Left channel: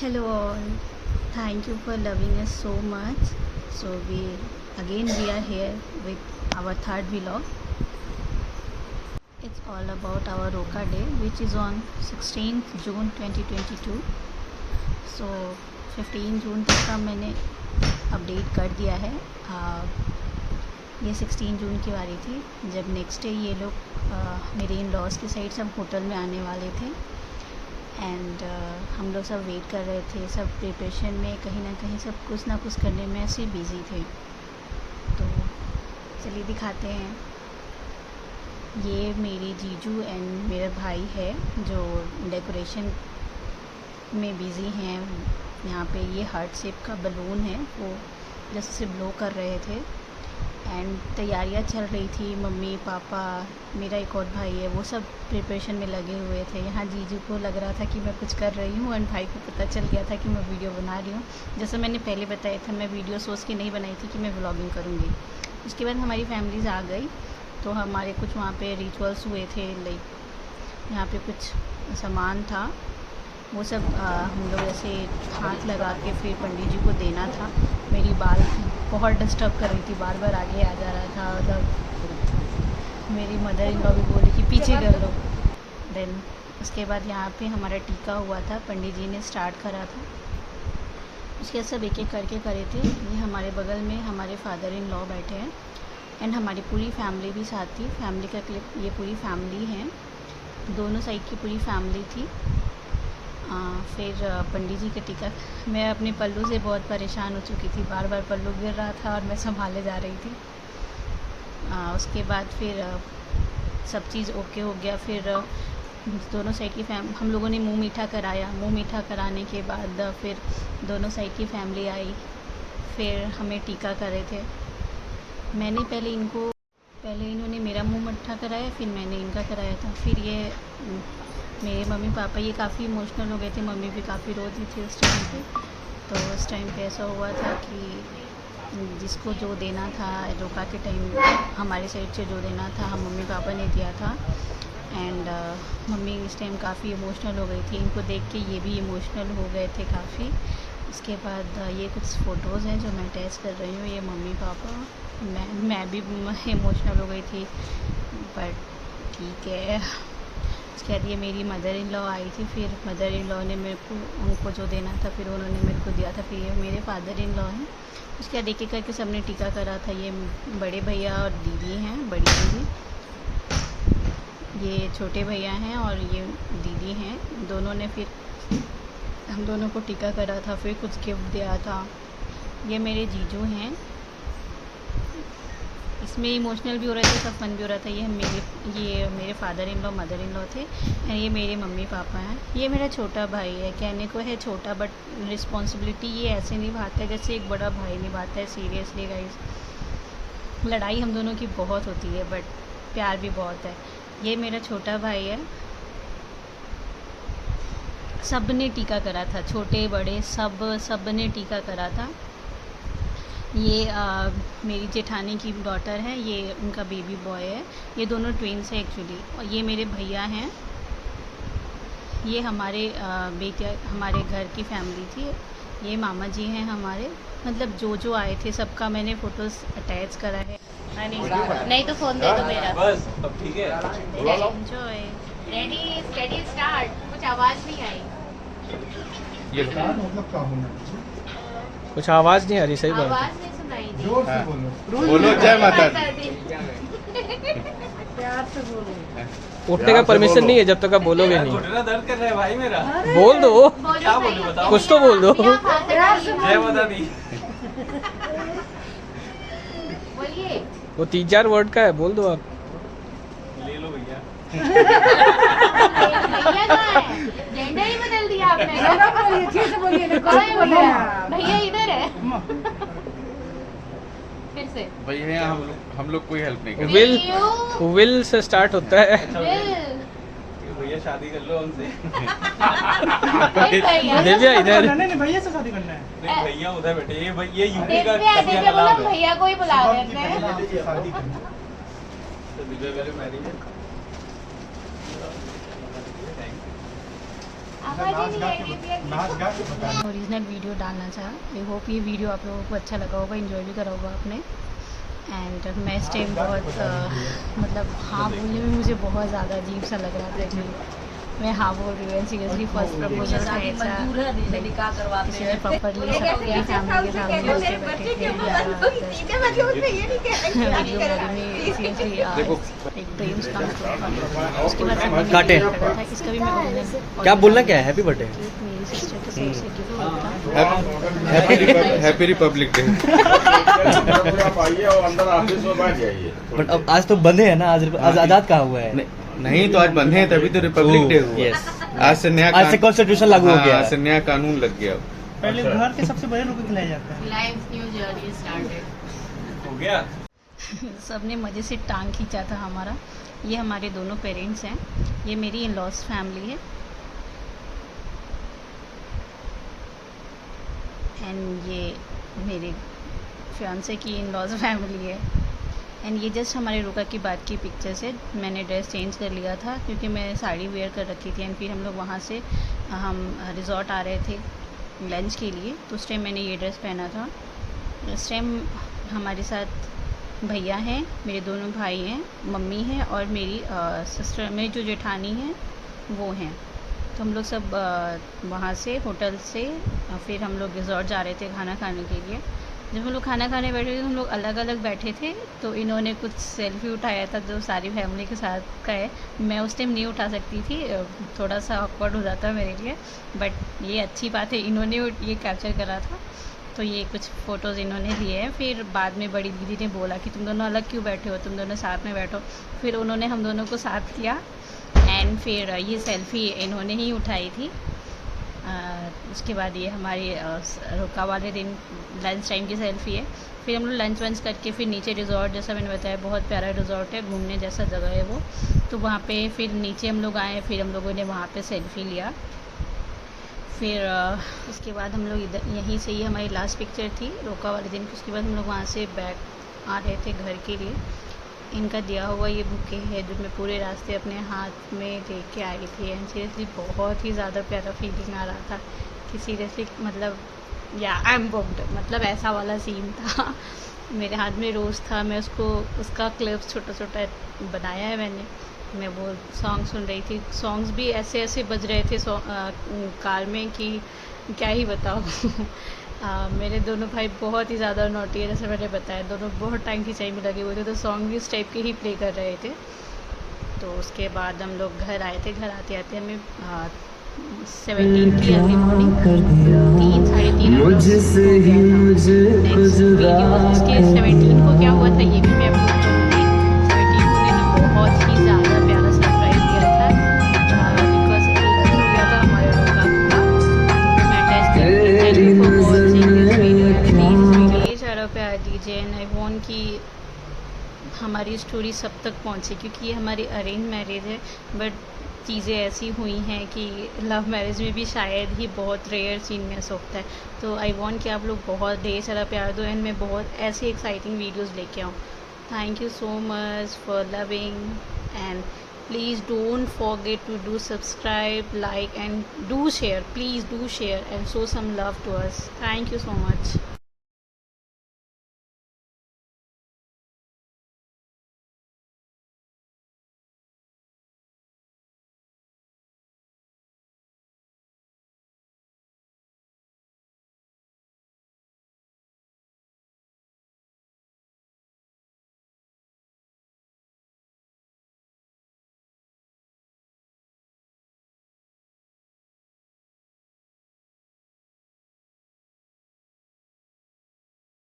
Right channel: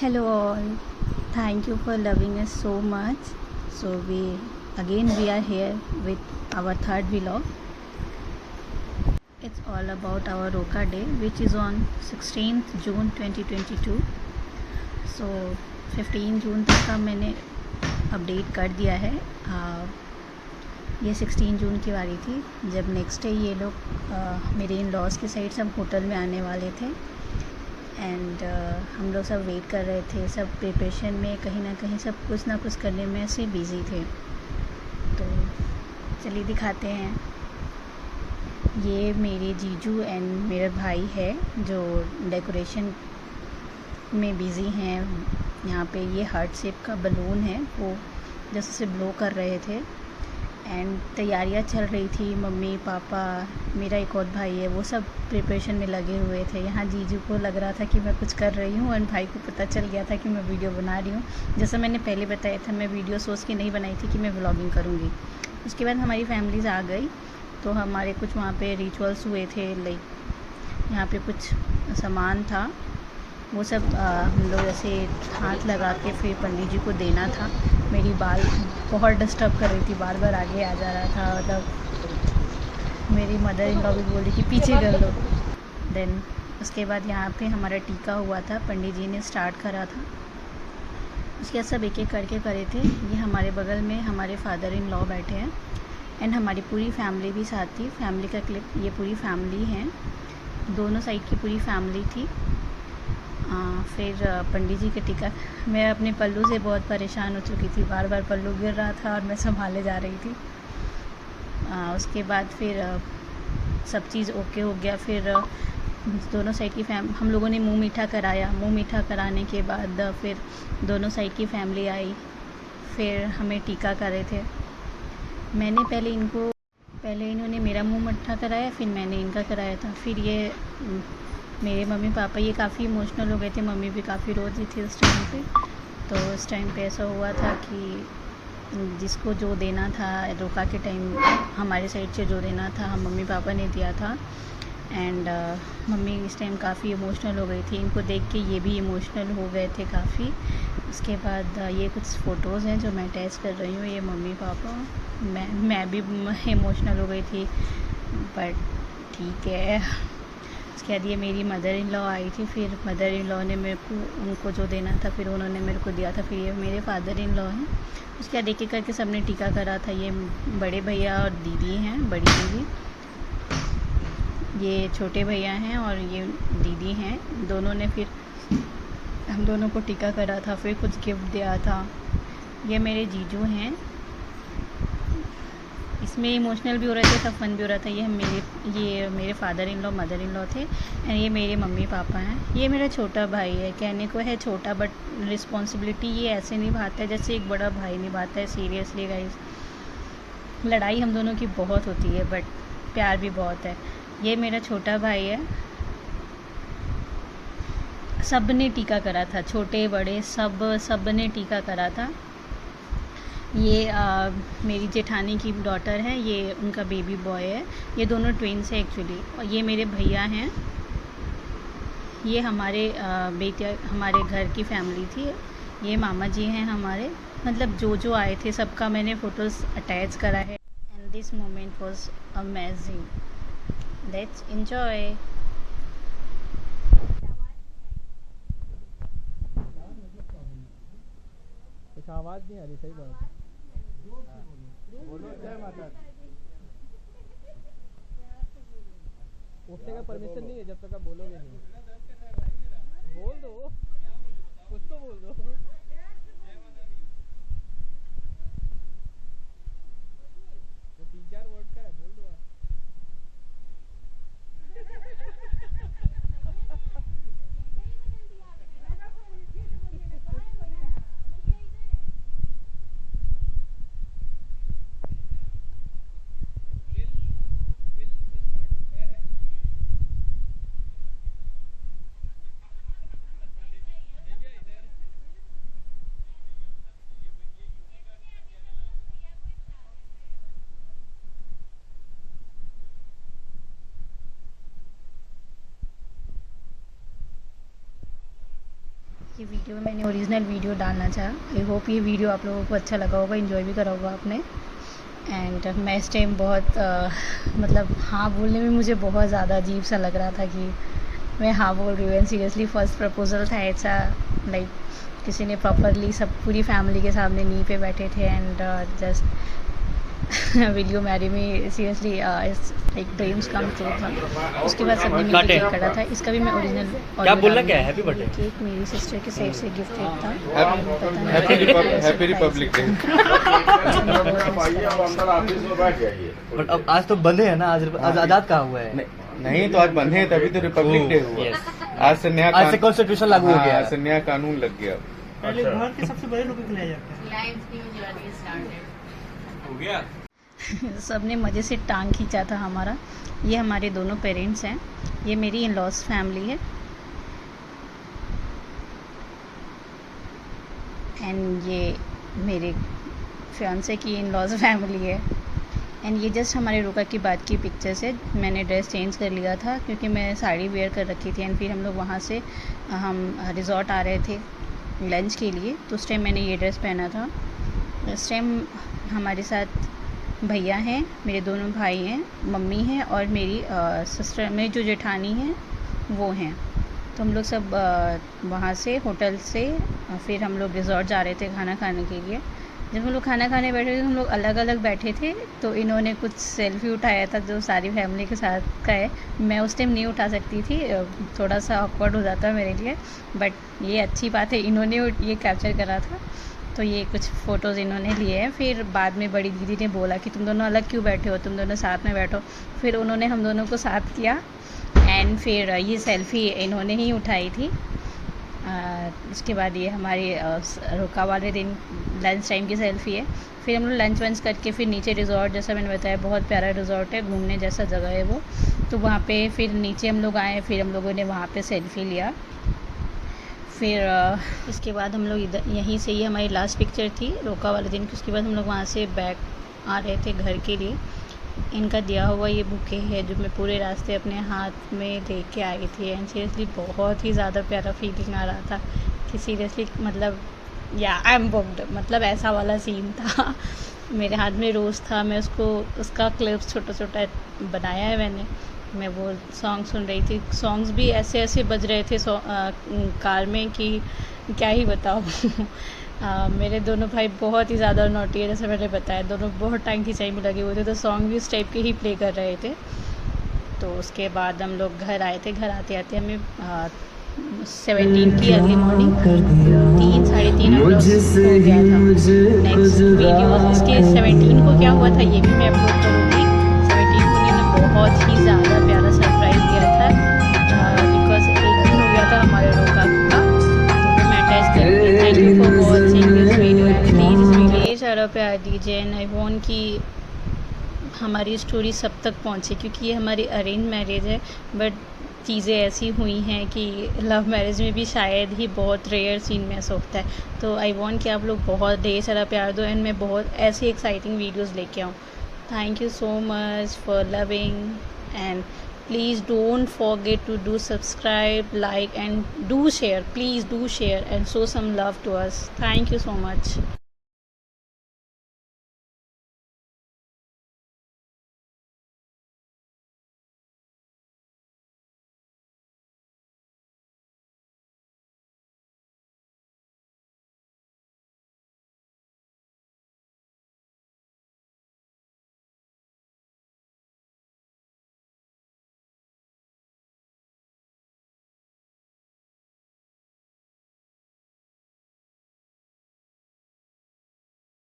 Hello all, thank you for loving us so much. So we are here with our third vlog. It's all about our Roka Day, which is on 16th June 2022. So 15 जून तक का मैंने update कर दिया है. ये 16 जून की बारी थी जब नेक्स्ट डे ये लोग मेरे इन लॉज की साइड सब होटल में आने वाले थे. एंड हम लोग सब वेट कर रहे थे, सब प्रिपरेशन में कहीं ना कहीं सब कुछ ना कुछ करने में ऐसे बिज़ी थे. तो चलिए दिखाते हैं. ये मेरे जीजू एंड मेरा भाई है जो डेकोरेशन में बिज़ी हैं. यहाँ पे ये हार्ट शेप का बलून है, वो जैसे से ब्लो कर रहे थे. एंड तैयारियाँ चल रही थी. मम्मी पापा, मेरा एक और भाई है, वो सब प्रिपरेशन में लगे हुए थे. यहाँ जीजू को लग रहा था कि मैं कुछ कर रही हूँ, एंड भाई को पता चल गया था कि मैं वीडियो बना रही हूँ. जैसे मैंने पहले बताया था, मैं वीडियो सोच के नहीं बनाई थी कि मैं व्लॉगिंग करूँगी. उसके बाद हमारी फैमिलीज़ आ गई, तो हमारे कुछ वहाँ पे रिचुअल्स हुए थे. लाइक यहाँ पे कुछ सामान था, वो सब हम लोग ऐसे हाथ लगा के फिर पंडित जी को देना था. मेरी बाल बहुत डिस्टर्ब कर रही थी, बार बार आगे आ जा रहा था. मतलब मेरी मदर इन लॉ भी बोली कि पीछे कर लो. देन उसके बाद यहाँ पे हमारा टीका हुआ था, पंडित जी ने स्टार्ट करा था. उसके बाद सब एक एक करके करे थे. ये हमारे बगल में हमारे फादर इन लॉ बैठे हैं, एंड हमारी पूरी फैमिली भी साथ थी. फैमिली का क्लिप, ये पूरी फैमिली है, दोनों साइड की पूरी फैमिली थी. फिर पंडित जी के टीका, मैं अपने पल्लू से बहुत परेशान हो चुकी थी. बार बार पल्लू गिर रहा था और मैं संभाले जा रही थी. उसके बाद फिर सब चीज़ ओके हो गया. फिर दोनों साइड की हम लोगों ने मुंह मीठा कराया. मुंह मीठा कराने के बाद फिर दोनों साइड की फैमिली आई, फिर हमें टीका करे थे. मैंने पहले इन्होंने मेरा मुंह मीठा कराया, फिर मैंने इनका कराया था. फिर ये मेरे मम्मी पापा ये काफ़ी इमोशनल हो गए थे. मम्मी भी काफ़ी रो रही थी उस टाइम पे. तो उस टाइम पे ऐसा हुआ था कि जिसको जो देना था रोका के टाइम, हमारे साइड से जो देना था हम मम्मी पापा ने दिया था. एंड मम्मी इस टाइम काफ़ी इमोशनल हो गई थी. इनको देख के ये भी इमोशनल हो गए थे काफ़ी. उसके बाद ये कुछ फ़ोटोज़ हैं जो मैं अटैच कर रही हूँ. ये मम्मी पापा, मैं भी इमोशनल हो गई थी, बट ठीक है. उसके बाद ये मेरी मदर इन लॉ आई थी. फिर मदर इन लॉ ने मेरे को उनको जो देना था फिर उन्होंने मेरे को दिया था. फिर ये मेरे फादर इन लॉ हैं. उसके बाद एक एक करके सबने टीका करा था. ये बड़े भैया और दीदी हैं, बड़ी दीदी. ये छोटे भैया हैं और ये दीदी हैं. दोनों ने फिर हम दोनों को टीका करा था. फिर कुछ गिफ्ट दिया था. ये मेरे जीजू हैं. इसमें इमोशनल भी हो रहे थे, सब फन भी हो रहा था. ये मेरे father in law mother in law थे, एंड ये मेरे मम्मी पापा हैं. ये मेरा छोटा भाई है. कहने को है छोटा, बट रिस्पॉन्सिबिलिटी ये ऐसे निभाता है जैसे एक बड़ा भाई निभाता है. सीरियसली गाइस, लड़ाई हम दोनों की बहुत होती है, बट प्यार भी बहुत है. ये मेरा छोटा भाई है. सब ने टीका करा था, छोटे बड़े सब ने टीका करा था. ये मेरी जेठानी की डॉटर है, ये उनका बेबी बॉय है. ये दोनों ट्विन्स हैं एक्चुअली. और ये मेरे भैया हैं. ये हमारे बेटिया, हमारे घर की फैमिली थी. ये मामा जी हैं हमारे. मतलब जो आए थे सबका मैंने फ़ोटोज़ अटैच करा है. नहीं तो फोन दे दो मेरा. बस अब ठीक है. एंजॉय. Ready steady start. कुछ आवाज नहीं आई. ये मतलब क्या होना कुछ आवाज नहीं आ रही. सही बात. आवाज नहीं सुनाई दी. जोर से बोलो. बोलो जय माता दी. प्यार से बोलो. उठने का परमिशन नहीं है जब तक आप बोलोगे नहीं. घुटना दर्द कर रहा है भाई मेरा. बोल दो, क्या बोलूं बताओ. कुछ तो बोल दो. जय माता दी. बोलिए. वो 3-4 वर्ड का है, बोल दो आप. ले लो भैया. भैया कहाँ है? जेंडर ही बदल दिया आपने. भैया इधर है. फिर से. भैया हम लोग कोई हेल्प नहीं करते. विल से स्टार्ट होता है. भैया शादी कर लो हमसे. दिव्या इधर. नहीं भैया से शादी करना है. नहीं भैया उधर बैठे. ये यूपी का दिव्या कन्या दिव्या का नाम बोलो, है. भैया को ही बुला देते हैं. शादी करना है. तो दिव्या पहले मैरिज है. आप ओरिजिनल वीडियो डालना चाहा। आई होप ये वीडियो आप लोगों को अच्छा लगा होगा, इन्जॉय भी करा होगा आपने। एंड मैं इस टाइम बहुत मतलब हाँ बोलने में मुझे बहुत ज़्यादा अजीब सा लग रहा था कि मैं हाँ बोल रही हूँ। सीरियसली फर्स्ट प्रपोजल था ऐसा, लाइक किसी ने प्रॉपरली सब पूरी फैमिली के सामने मिल के बैठे थे एंड जस्ट वीडियो मैरी में सीरियसली एक ड्रीम्स कम ट्रू था। उसके बाद सबने काटे करा था। इसका भी मैं ओरिजिनल क्या बोलना क्या है? हैप्पी बर्थडे, मेरी सिस्टर के साइड से गिफ्ट था। Happy Republic day. बट अब आज तो बंद है ना, आज आजाद कहाँ हुआ है? नहीं तो आज बंद है, तभी तो रिपब्लिक डे हुआ। यस, आज से नया आज से कॉन्स्टिट्यूशन लागू हो गया आज है। से नया कानून लग गया। पहले घर के सबसे बड़े लोग को खिलाया जाता है। Life new journey started. हो गया। सबने मज़े से टांग खींचा था हमारा। ये हमारे दोनों पेरेंट्स हैं, ये मेरी इन लॉज फैमिली है एंड ये मेरे फियांसे की इन लॉज फैमिली है। एंड ये जस्ट हमारे रुका की बात की पिक्चर्स है। मैंने ड्रेस चेंज कर लिया था क्योंकि मैं साड़ी वेयर कर रखी थी एंड फिर हम लोग वहाँ से हम रिजॉर्ट आ रहे थे लंच के लिए, तो उस टाइम मैंने ये ड्रेस पहना था। इस टाइम हमारे साथ भैया हैं, मेरे दोनों भाई हैं, मम्मी हैं और मेरी सिस्टर, मेरी जो जेठानी हैं वो हैं। तो हम लोग सब वहाँ से होटल से फिर हम लोग रिजॉर्ट जा रहे थे खाना खाने के लिए। जब हम लोग खाना खाने बैठे थे हम लोग अलग अलग बैठे थे, तो इन्होंने कुछ सेल्फी उठाया था जो सारी फैमिली के साथ का है। मैं उस टाइम नहीं उठा सकती थी, थोड़ा सा ऑकवर्ड हो जाता मेरे लिए, बट ये अच्छी बात है इन्होंने ये कैप्चर करा था। तो ये कुछ फ़ोटोज़ इन्होंने लिए हैं। फिर बाद में बड़ी दीदी ने बोला कि तुम दोनों अलग क्यों बैठे हो, तुम दोनों साथ में बैठो। फिर उन्होंने हम दोनों को साथ किया एंड फिर ये सेल्फ़ी इन्होंने ही उठाई थी। उसके बाद ये हमारे रुका वाले दिन लंच टाइम की सेल्फ़ी है। फिर हम लोग लंच वंच करके फिर नीचे रिजॉर्ट, जैसा मैंने बताया बहुत प्यारा रिजॉर्ट है, घूमने जैसा जगह है वो, तो वहाँ पे फिर नीचे हम लोग आए, फिर हम लोगों ने वहाँ पे सेल्फ़ी लिया। फिर उसके बाद हम लोग इधर यहीं से, ये हमारी लास्ट पिक्चर थी रोका वाले दिन की। उसके बाद हम लोग वहाँ से बैक आ रहे थे घर के लिए। इनका दिया हुआ ये बुके है जो मैं पूरे रास्ते अपने हाथ में देख के आई थी एंड सीरियसली बहुत ही ज़्यादा प्यारा फीलिंग आ रहा था कि सीरियसली मतलब या आई एम बुक्ड, मतलब ऐसा वाला सीन था। मेरे हाथ में रोज़ था, मैं उसका क्लिप्स छोटा छोटा बनाया है मैंने। मैं वो सॉन्ग सुन रही थी, सॉन्ग्स भी ऐसे ऐसे बज रहे थे कार में कि क्या ही बताओ। मेरे दोनों भाई बहुत ही ज़्यादा नॉटी है, जैसे मैंने बताया, दोनों बहुत टाइम खिंचाई में लगे हुए थे, तो सॉन्ग भी इस टाइप के ही प्ले कर रहे थे। तो उसके बाद हम लोग घर आए थे। घर आते आते हमें 17 की अर्ली मॉर्निंग 3-3:30 उसके 17 को क्या हुआ था ये भी मैं अपलोड करूँगी। 17 को मैंने बहुत ही ज़्यादा प्यारा सरप्राइज दिया था बिकॉज एक दिन हो गया था हमारे लोग का सारा प्यार दीजिए एंड आई वॉन्ट कि हमारी स्टोरी सब तक पहुंचे, क्योंकि ये हमारी अरेंज मैरिज है बट चीज़ें ऐसी हुई हैं कि लव मैरिज में भी शायद ही बहुत रेयर सीन में ऐसा होता है। तो आई वॉन्ट कि आप लोग बहुत ढेर सारा प्यार दो एंड मैं बहुत ऐसी एक्साइटिंग वीडियोस लेके आऊँ। Thank you so much for loving and please don't forget to do subscribe, like and do share. Please do share and show some love to us. Thank you so much.